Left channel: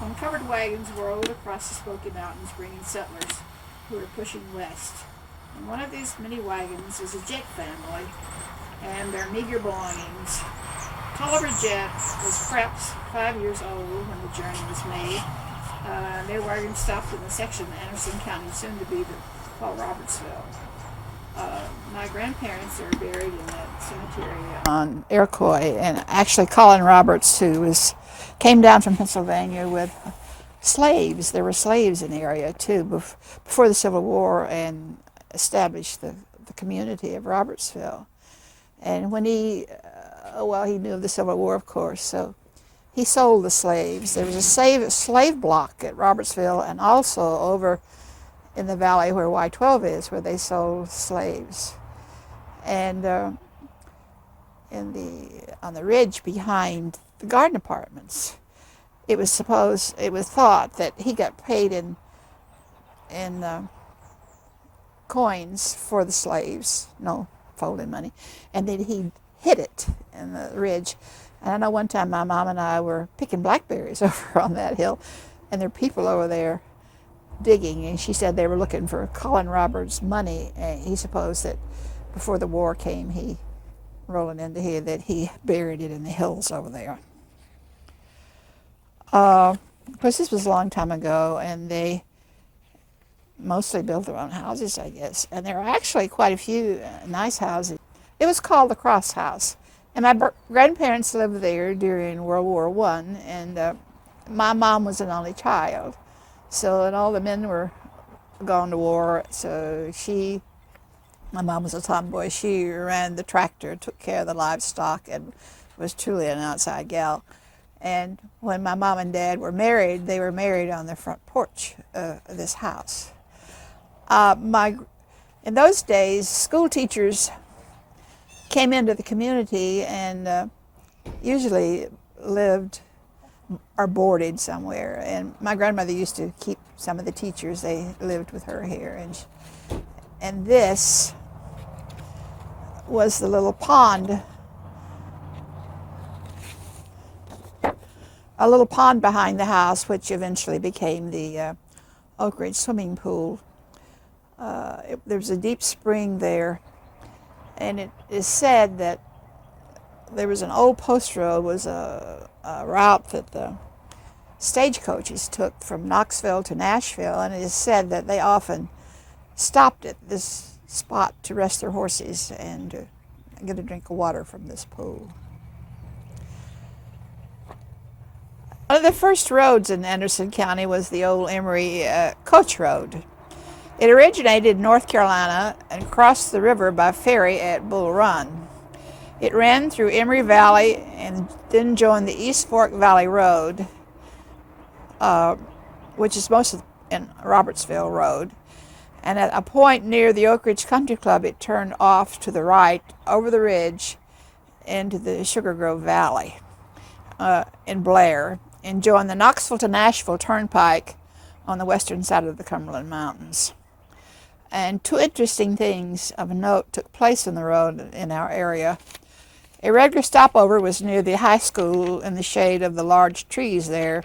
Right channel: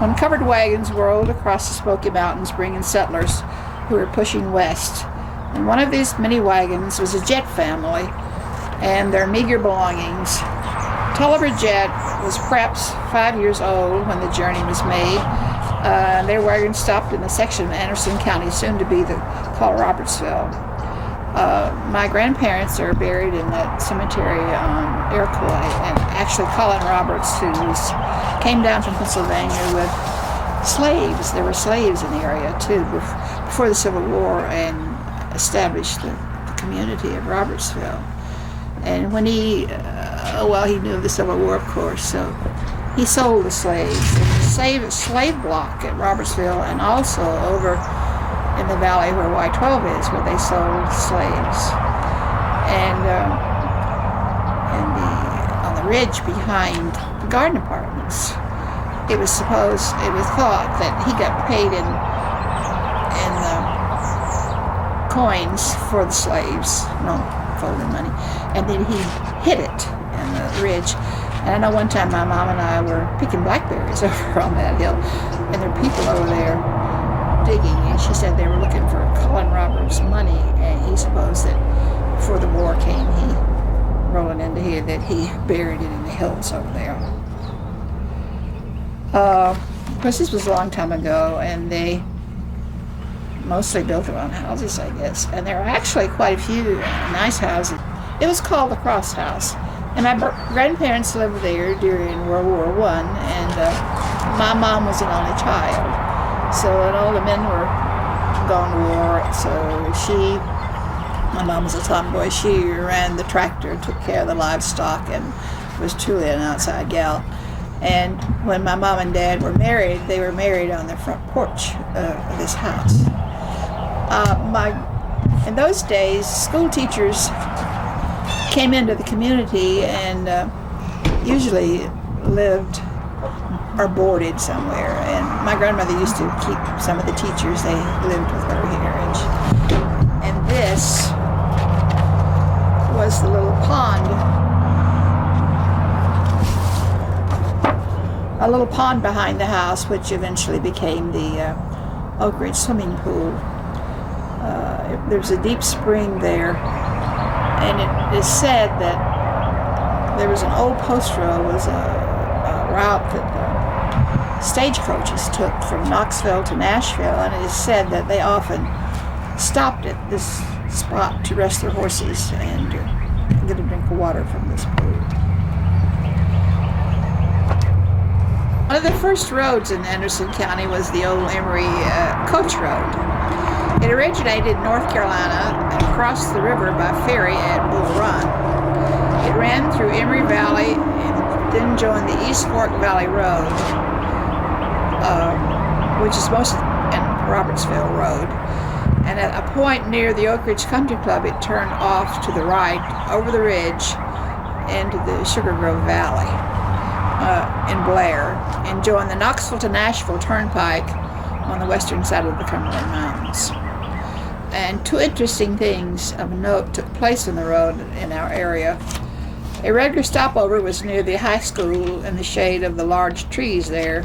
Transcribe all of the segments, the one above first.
when covered wagons rolled across the Smoky Mountains bringing settlers who were pushing west. And one of these many wagons was a Jet family and their meager belongings. Tulliver Jet was perhaps 5 years old when the journey was made. Their wagon stopped in the section of Anderson County, soon to be called Robertsville. My grandparents are buried in that cemetery on Iroquois, and actually Colin Roberts, who came down from Pennsylvania with slaves. There were slaves in the area too before the Civil War, and established the community of Robertsville. And when he knew of the Civil War, of course, so he sold the slaves. There's a slave block at Robertsville, and also over in the valley where Y-12 is, where they sold slaves. And on the ridge behind the garden apartments, it was thought that he got paid in coins for the slaves, no folded money, and then he hid it in the ridge. And I know one time my mom and I were picking blackberries over on that hill, and there were people over there digging, and she said they were looking for Colin Roberts' money, and he supposed that before the war came, he rolling into here, that he buried it in the hills over there. Of course, this was a long time ago, and they mostly built their own houses, I guess. And there are actually quite a few nice houses. It was called the Cross House. And my grandparents lived there during World War I, and my mom was an only child. So, and all the men were gone to war, so my mom was a tomboy, she ran the tractor, took care of the livestock, and was truly an outside gal. And when my mom and dad were married, they were married on the front porch of this house. In those days, school teachers came into the community and usually lived or boarded somewhere. And my grandmother used to keep some of the teachers. They lived with her here. And this was the little pond. A little pond behind the house, which eventually became the Oak Ridge swimming pool. There's a deep spring there, and it is said that there was an old post road, was a route that the stagecoaches took from Knoxville to Nashville, and it is said that they often stopped at this spot to rest their horses and get a drink of water from this pool. One of the first roads in Anderson County was the old Emory Coach Road. It originated in North Carolina and crossed the river by ferry at Bull Run. It ran through Emory Valley and then joined the East Fork Valley Road, which is most in Robertsville Road. And at a point near the Oak Ridge Country Club, it turned off to the right over the ridge into the Sugar Grove Valley in Blair, and joined the Knoxville to Nashville Turnpike on the western side of the Cumberland Mountains. And two interesting things of note took place on the road in our area. A regular stopover was near the high school in the shade of the large trees there,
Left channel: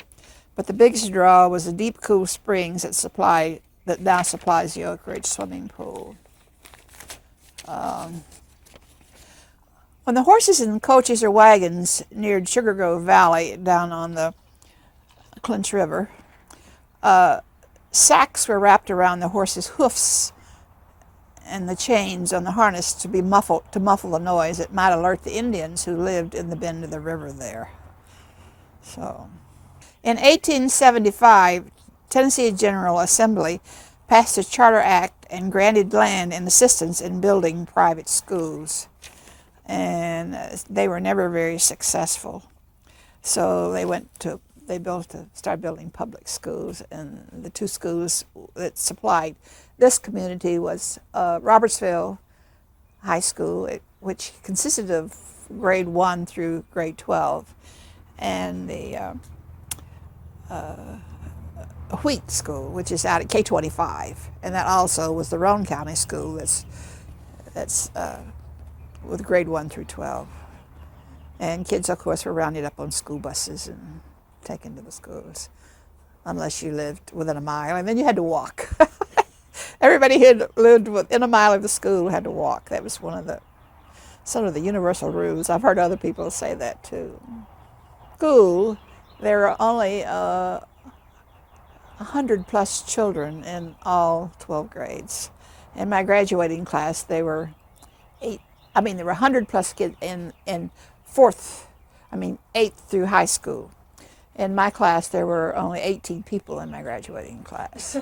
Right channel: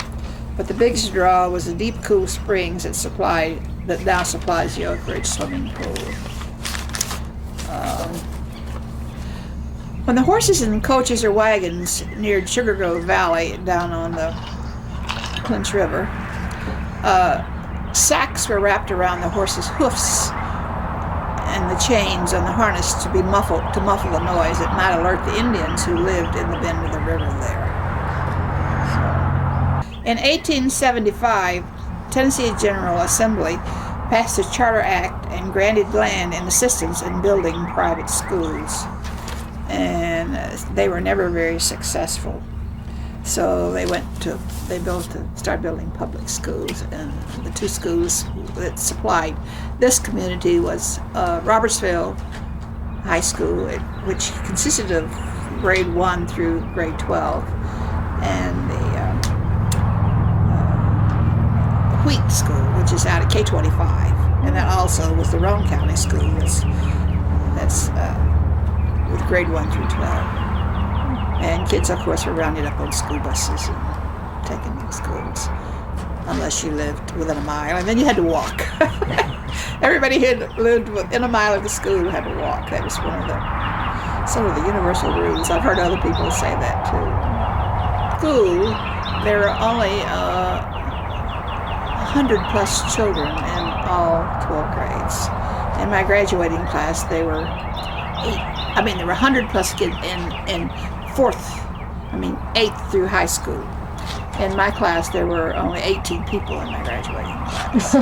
but the biggest draw was the deep, cool springs that now supplies the Oak Ridge swimming pool. When the horses and coaches or wagons neared Sugar Grove Valley down on the Clinch River, sacks were wrapped around the horses' hoofs and the chains on the harness to muffle the noise that might alert the Indians who lived in the bend of the river there. In 1875, Tennessee General Assembly passed a Charter Act and granted land and assistance in building private schools. And they were never very successful. So they started building public schools, and the two schools that supplied this community was Robertsville High School, which consisted of grade 1 through grade 12, and the Wheat School, which is out at K25, and that also was the Roane County School that's with grade 1 through 12. And kids, of course, were rounded up on school buses and taken to schools. unless you lived within a mile, and then you had to walk. Everybody who had lived within a mile of the school had to walk. That was one of some of the universal rules. I've heard other people say that too. School, there were only 100 plus children in all 12 grades. In my graduating class, there were 100 plus kids in eighth through high school. In my class, there were only 18 people in my graduating class.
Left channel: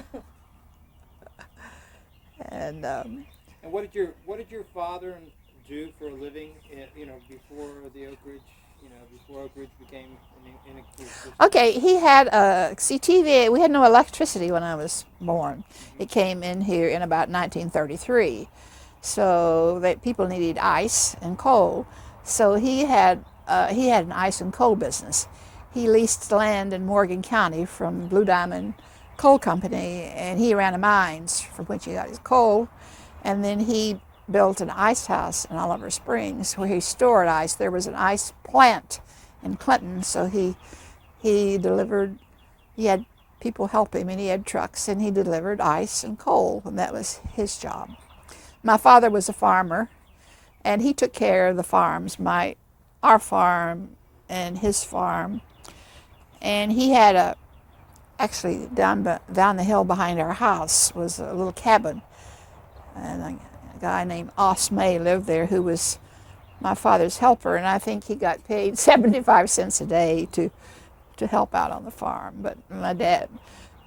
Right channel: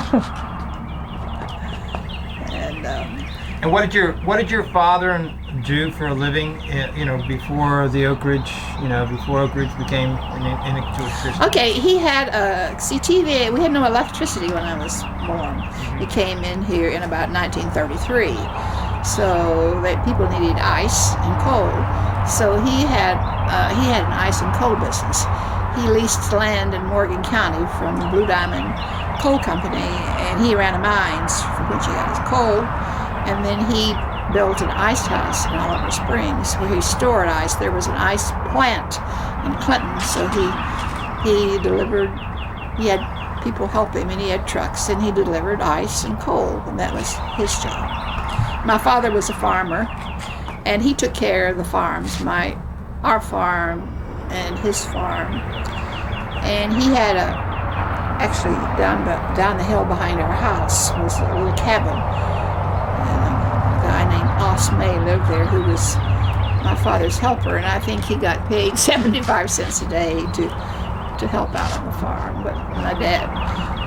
And what did your father do for a living? Before the Oak Ridge, before Oak Ridge became into existence. Okay, he had TV. We had no electricity when I was born. It came in here in about 1933. So people needed ice and coal. So he had an ice and coal business. He leased land in Morgan County from the Blue Diamond Coal Company, and he ran mines from which he got his coal. And then he built an ice house in Oliver Springs where he stored ice. There was an ice plant in Clinton, so he delivered. He had people help him, and he had trucks, and he delivered ice and coal, and that was his job. My father was a farmer, and he took care of the farms, our farm and his farm. And he had actually down the hill behind our house was a little cabin. And a guy named Os May lived there, who was my father's helper, and I think he got paid 75 cents a day to help out on the farm. But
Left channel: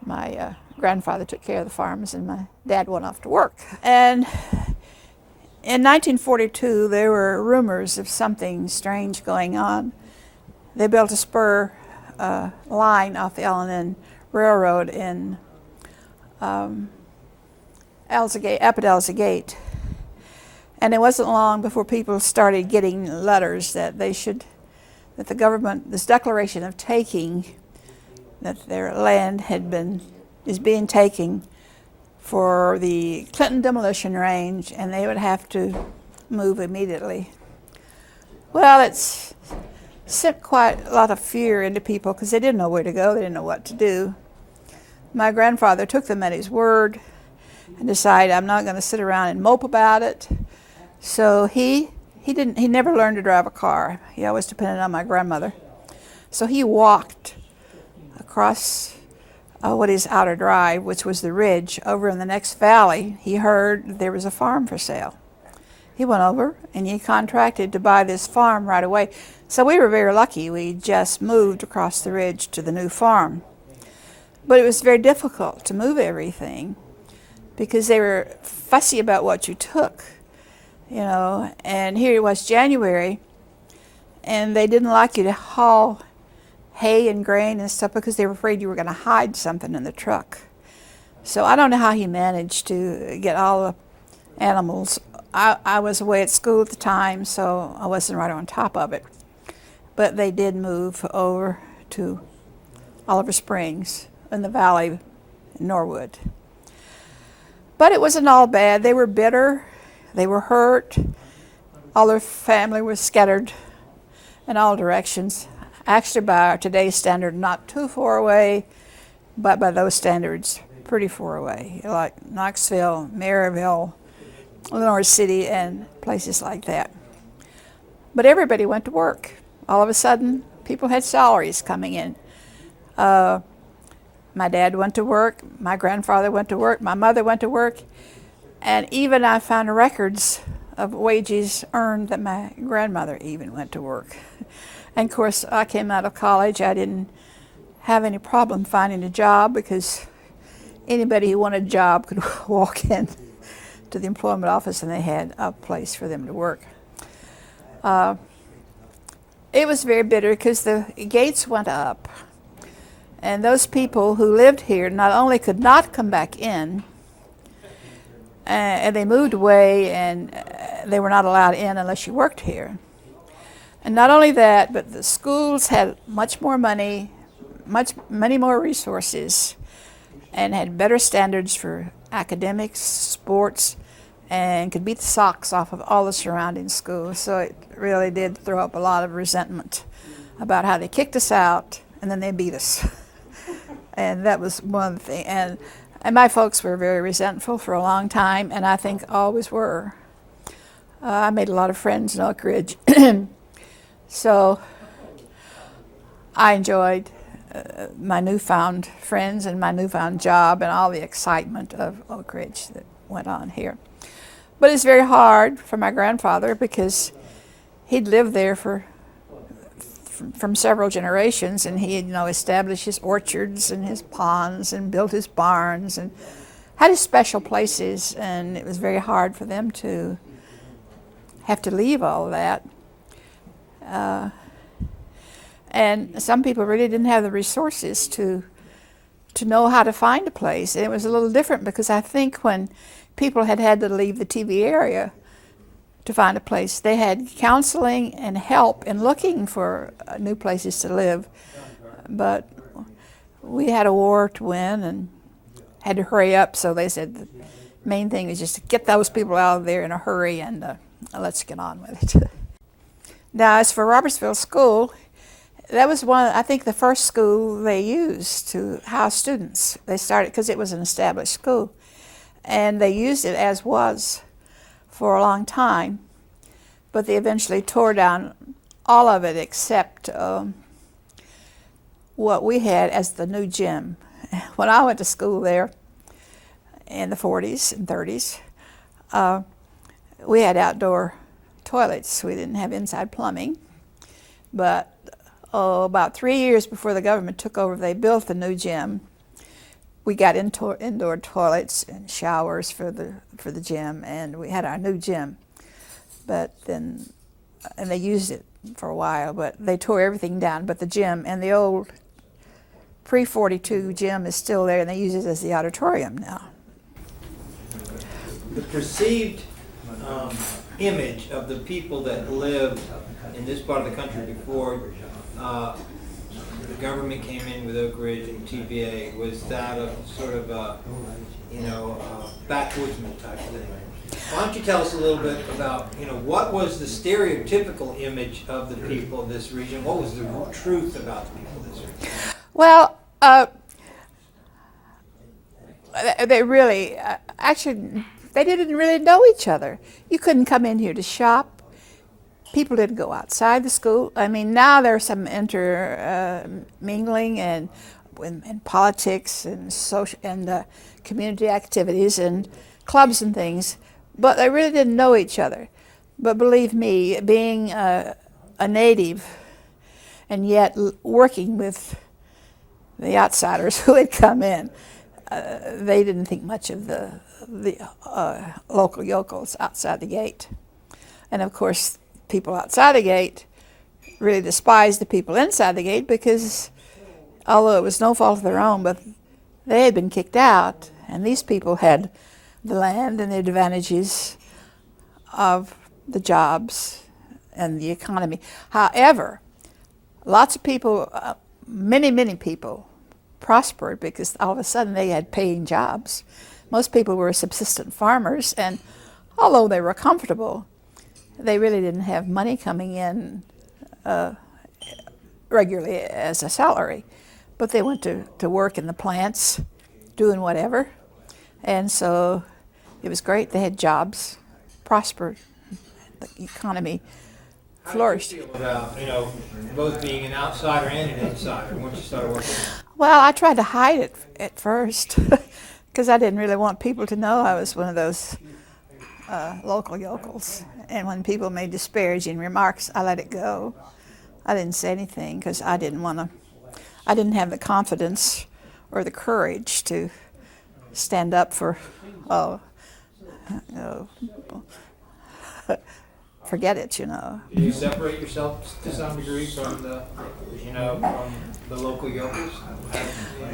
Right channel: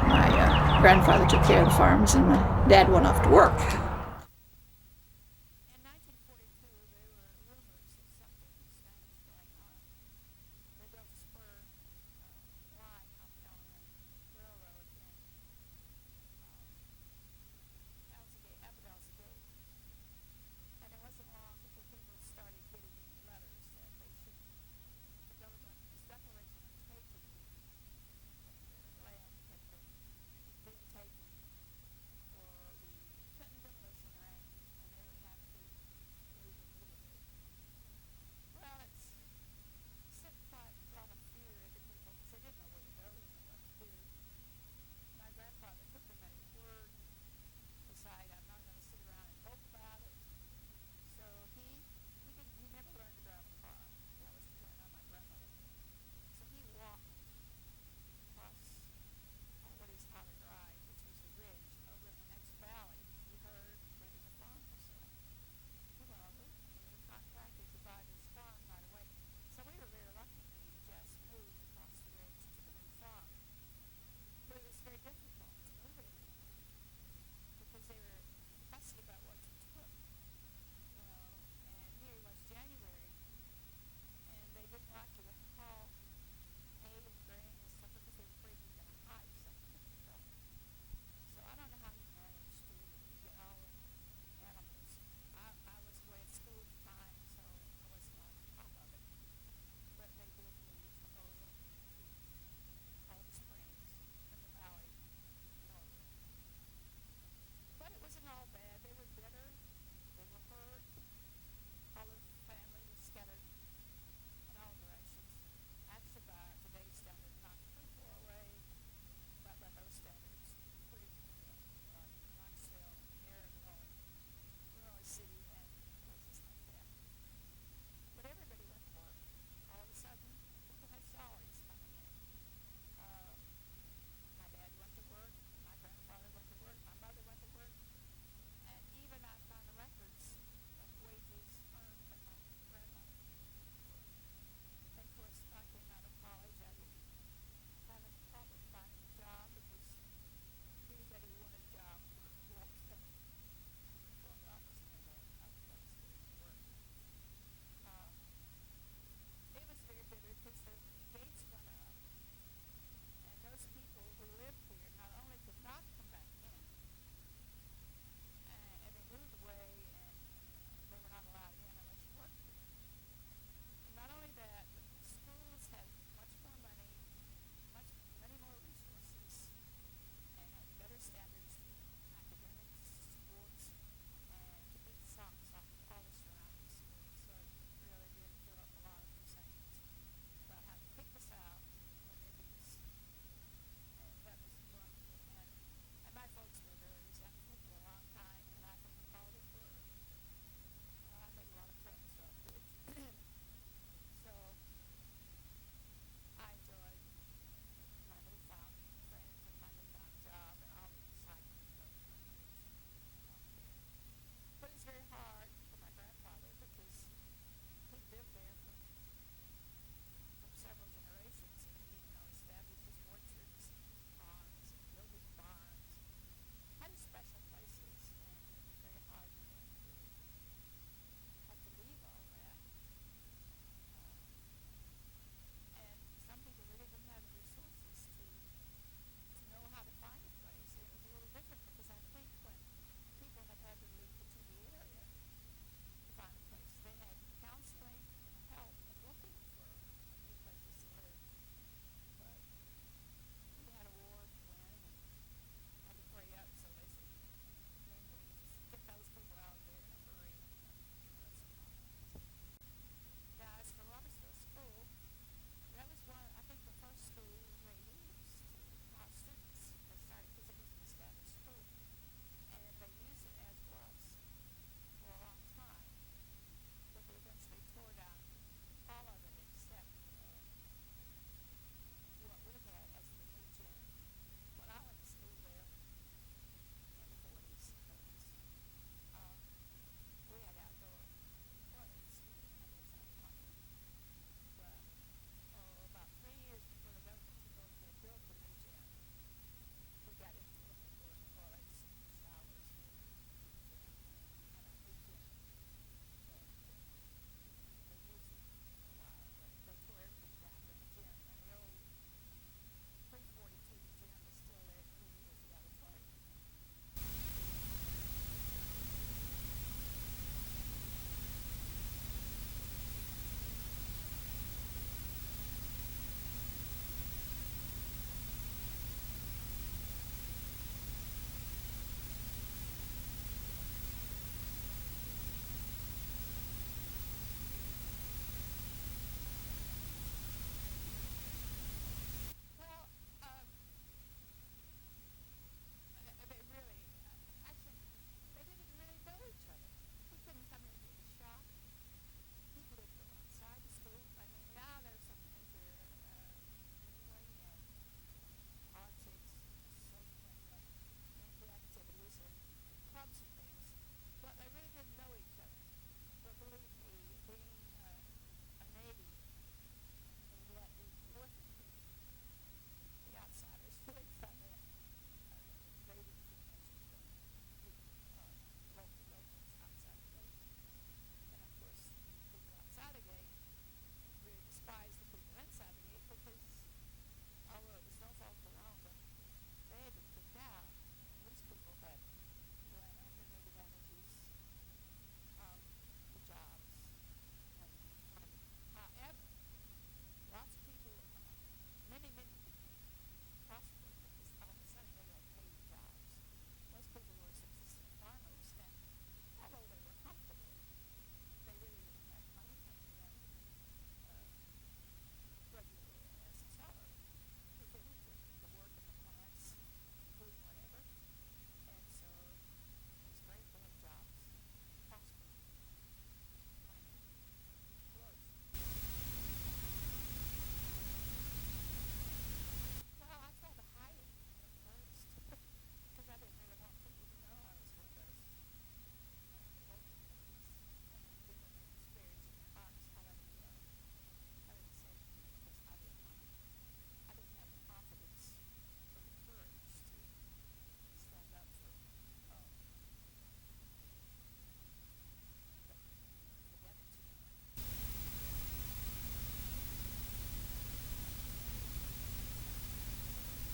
my grandfather took care of the farms, and my dad went off to work. And in 1942, there were rumors of something strange going on. They built a spur line off the L&N Railroad in up at Elza Gate. And it wasn't long before people started getting letters that that the government, this declaration of taking, that their land is being taken for the Clinton demolition range, and they would have to move immediately. Well, it's sent quite a lot of fear into people because they didn't know where to go, they didn't know what to do. My grandfather took them at his word and decided, I'm not going to sit around and mope about it. So he never learned to drive a car. He always depended on my grandmother. So he walked across what is Outer Drive, which was the ridge. Over in the next valley, he heard there was a farm for sale. He went over and he contracted to buy this farm right away. So we were very lucky. We just moved across the ridge to the new farm. But it was very difficult to move everything because they were fussy about what you took, and here it was January, and they didn't like you to haul hay and grain and stuff because they were afraid you were going to hide something in the truck. So I don't know how he managed to get all the animals. I was away at school at the time, so I wasn't right on top of it. But they did move over to Oliver Springs in the valley in Norwood. But it wasn't all bad. They were bitter. They were hurt. All their family was scattered in all directions. Actually, by today's standard, not too far away, but by those standards, pretty far away, like Knoxville, Maryville, Lenore City, and places like that. But everybody went to work. All of a sudden, people had salaries coming in. My dad went to work, my grandfather went to work, my mother went to work, and even I found records of wages earned that my grandmother even went to work. And of course, I came out of college. I didn't have any problem finding a job because anybody who wanted a job could walk in to the employment office and they had a place for them to work. It was very bitter because the gates went up. And those people who lived here not only could not come back in, and they moved away and they were not allowed in unless you worked here. And not only that, but the schools had much more money, many more resources, and had better standards for academics, sports, and could beat the socks off of all the surrounding schools. So it really did throw up a lot of resentment about how they kicked us out and then they beat us. And that was one of the things. And my folks were very resentful for a long time, and I think always were. I made a lot of friends in Oak Ridge. So I enjoyed my newfound friends and my newfound job and all the excitement of Oak Ridge that went on here. But it's very hard for my grandfather because he'd lived there from several generations, and he had, established his orchards and his ponds and built his barns and had his special places, and it was very hard for them to have to leave all of that. And some people really didn't have the resources to know how to find a place. And it was a little different because I think when people had to leave the TV area to find a place, they had counseling and help in looking for new places to live. But we had a war to win and had to hurry up, so they said the main thing was just to get those people out of there in a hurry and let's get on with it. Now, as for Robertsville School, that was I think the first school they used to house students. They started, because it was an established school, and they used it as was for a long time, but they eventually tore down all of it except what we had as the new gym. When I went to school there in the 40s and 30s, we had outdoor toilets. We didn't have inside plumbing, but about 3 years before the government took over, they built the new gym. We got indoor toilets and showers for the gym, and we had our new gym. But then, and they used it for a while, but they tore everything down. But the gym and the old pre-42 gym is still there, and they use it as the auditorium now. The perceived image of the people that lived in this part of the country before the government came in with Oak Ridge and TVA was that of sort of a, backwoodsman type thing. Why don't you tell us a little bit about, what was the stereotypical image of the people of this region? What was the truth about the people of this region? Well, they really, actually, they didn't really know each other. You couldn't come in here to shop. People didn't go outside the school. I mean, now there's some mingling and politics and social and community activities and clubs and things, but they really didn't know each other. But believe me, being a native and yet working with the outsiders who had come in, they didn't think much of the local yokels outside the gate. And of course, people outside the gate really despised the people inside the gate because, although it was no fault of their own, but they had been kicked out, and these people had the land and the advantages of the jobs and the economy. However, lots of people, many people prospered because all of a sudden they had paying jobs. Most people were subsistent farmers, and although they were comfortable, they really didn't have money coming in regularly as a salary. But they went to work in the plants, doing whatever. And so it was great. They had jobs, prospered, the economy flourished. How did you feel about, both being an outsider and an insider once you started working? Well, I tried to hide it at first because I didn't really want people to know I was one of those local yokels. And when people made disparaging remarks, I let it go. I didn't say anything because I didn't have the confidence or the courage to stand up for, forget it, Did you separate yourself to some degree from the local yokels?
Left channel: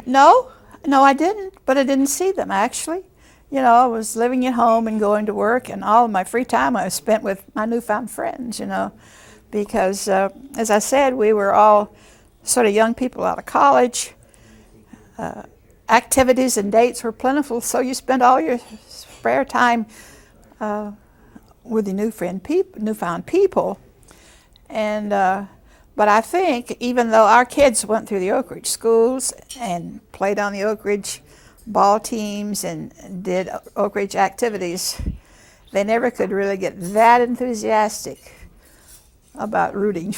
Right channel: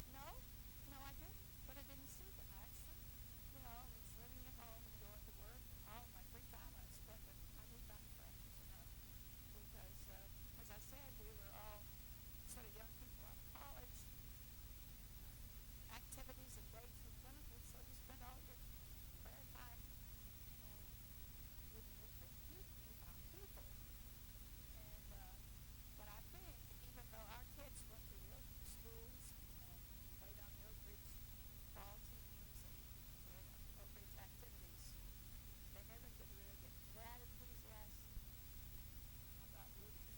No, I didn't, but I didn't see them actually. I was living at home and going to work, and all of my free time I spent with my newfound friends, because as I said, we were all sort of young people out of college. Activities and dates were plentiful, so you spent all your spare time with the newfound people. And But I think even though our kids went through the Oak Ridge schools and played on the Oak Ridge ball teams and did Oak Ridge activities, they never could really get that enthusiastic about rooting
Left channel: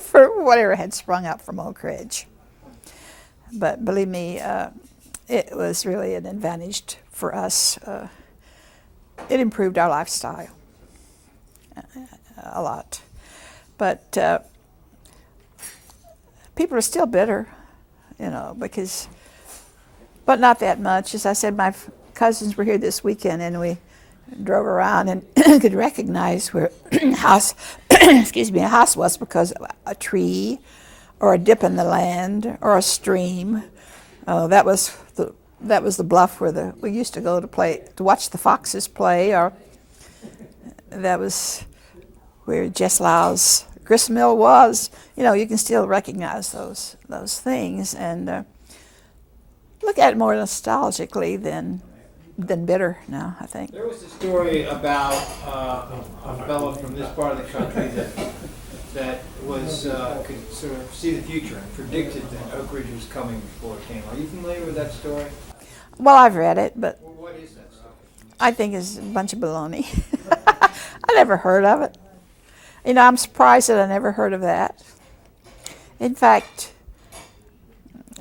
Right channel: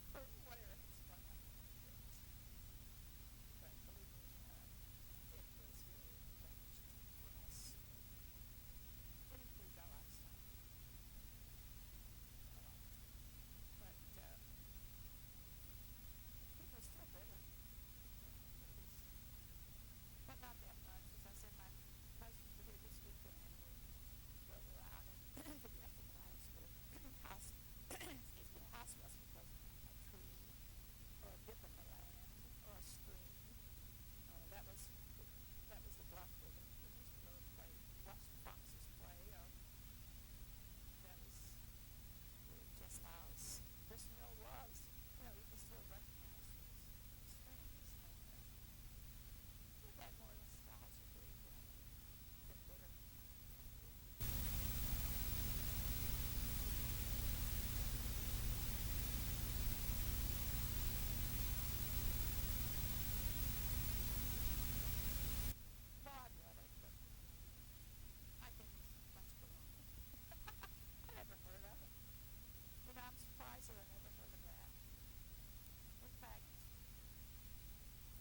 for whatever had sprung up from Oak Ridge. But believe me, it was really an advantage for us. It improved our lifestyle a lot. But people are still bitter, because, but not that much. As I said, my cousins were here this weekend, and we drove around and could recognize where house, a house was because of a tree, or a dip in the land, or a stream. That was the bluff where we used to go to watch the foxes play, or that was where Jess Lau's grist mill was. You can still recognize those things and look at it more nostalgically than bitter now, I think. There was a story about a fellow from this part of the country that was could sort of see the future and predicted that Oak Ridge was coming before it came. Are you familiar with that story? Well, I've read it, but Well, what is that story? I think it's a bunch of baloney. I never heard of it. I'm surprised that I never heard of that. In fact,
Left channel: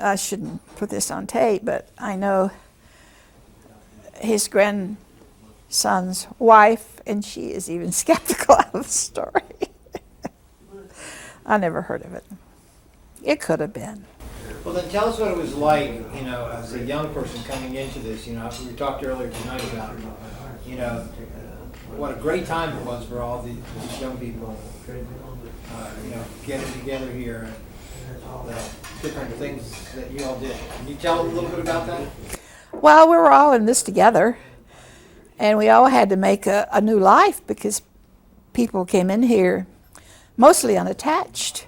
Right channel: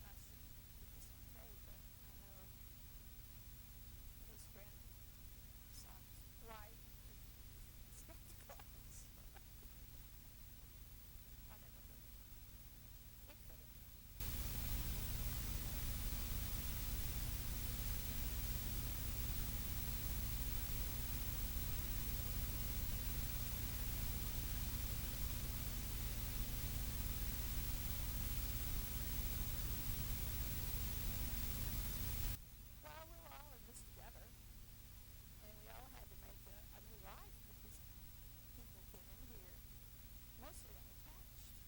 I shouldn't put this on tape, but I know his grandson's wife, and she is even skeptical of the story. I never heard of it. It could have been. Well, then tell us what it was like, as a young person coming into this. We talked earlier tonight about, what a great time it was for all these young people, getting together here and the different things that you all did. Can you tell a little bit about that? Well, we were all in this together, and we all had to make a new life because people came in here mostly unattached.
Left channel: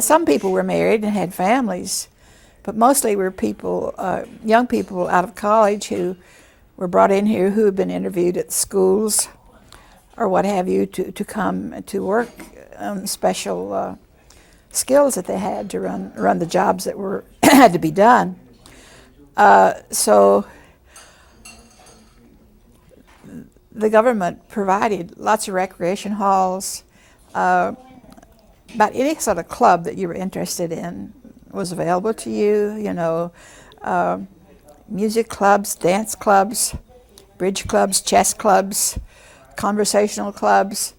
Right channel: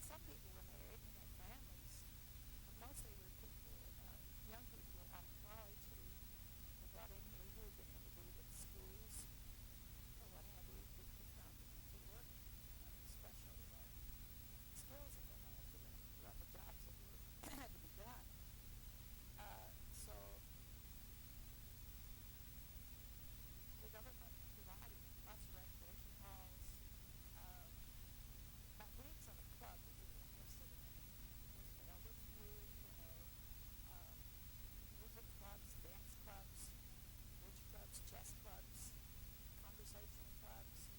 Some people were married and had families, but mostly were young people out of college who were brought in here, who had been interviewed at schools or what have you, to come to work on special skills that they had to run the jobs that had to be done. So the government provided lots of recreation halls. About any sort of club that you were interested in was available to you. Music clubs, dance clubs, bridge clubs, chess clubs, conversational clubs.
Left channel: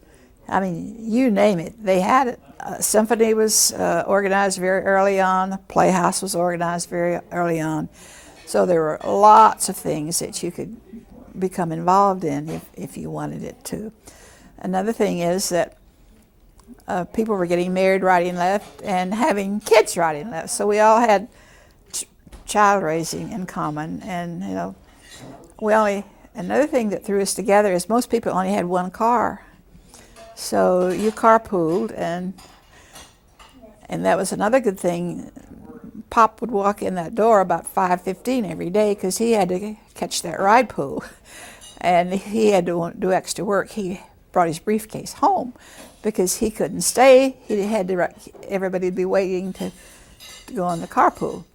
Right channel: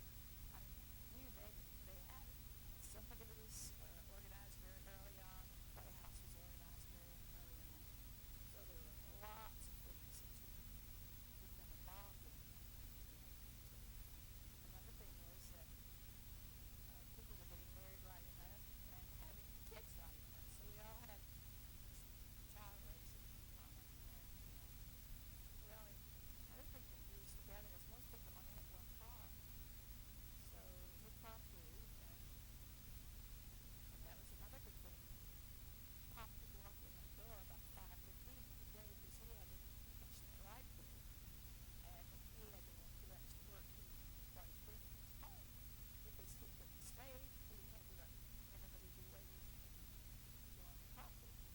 I mean, you name it, they had it. Symphony was organized very early on. Playhouse was organized very early on. So there were lots of things that you could become involved in if you wanted it to. Another thing is that people were getting married right and left and having kids right and left. So we all had child raising in common. And, another thing that threw us together is most people only had one car. So you carpooled, and that was another good thing. Pop would walk in that door about 5:15 every day because he had to catch that ride pool. And he had to do extra work. He brought his briefcase home because he couldn't stay. Everybody would be waiting to go on the carpool.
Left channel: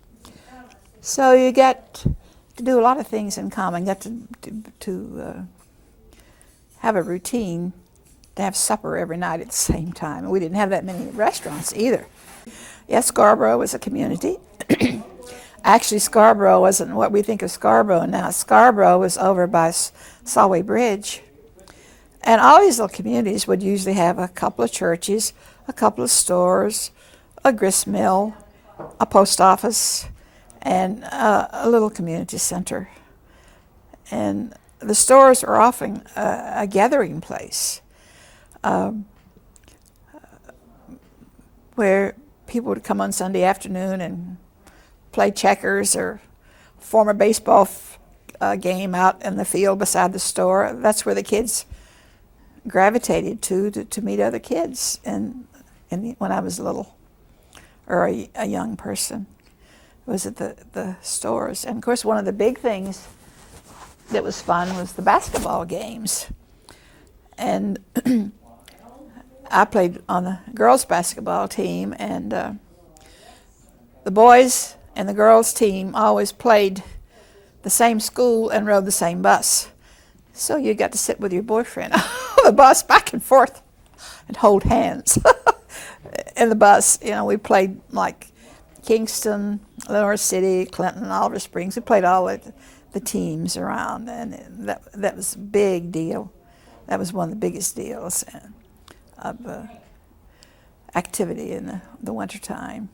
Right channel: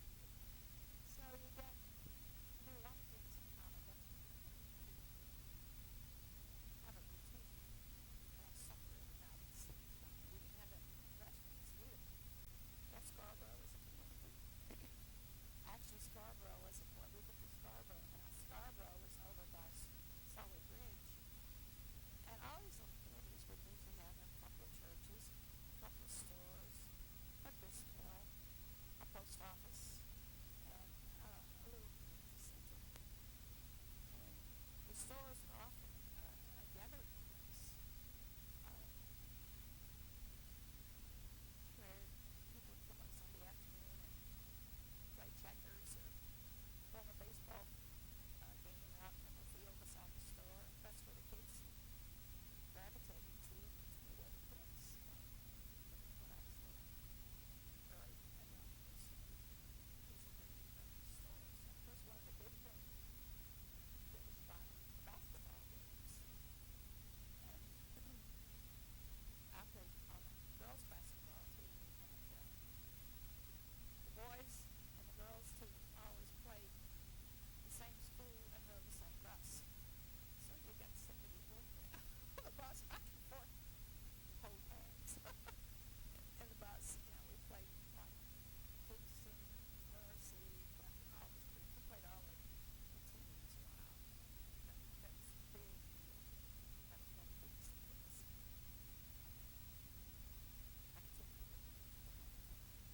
So you get to do a lot of things in common. You got to have a routine, to have supper every night at the same time. And we didn't have that many restaurants either. Yes, Scarborough was a community. Actually, Scarborough wasn't what we think of Scarborough now. Scarborough was over by Solway Bridge. And all these little communities would usually have a couple of churches, a couple of stores, a grist mill, a post office, and a little community center. And the stores are often a gathering place where people would come on Sunday afternoon and play checkers or form a baseball game out in the field beside the store. That's where the kids gravitated to meet other kids when I was little, or a young person, was at the stores. And of course, one of the big things that was fun was the basketball games. And I played on the girls' basketball team, and the boys and the girls' team always played the same school and rode the same bus. So you got to sit with your boyfriend on the bus back and forth and hold hands. In the bus, you know, we played like Kingston, Lenore City, Clinton, Oliver Springs. We played all the teams around, and that was a big deal. That was one of the biggest deals of activity in the wintertime.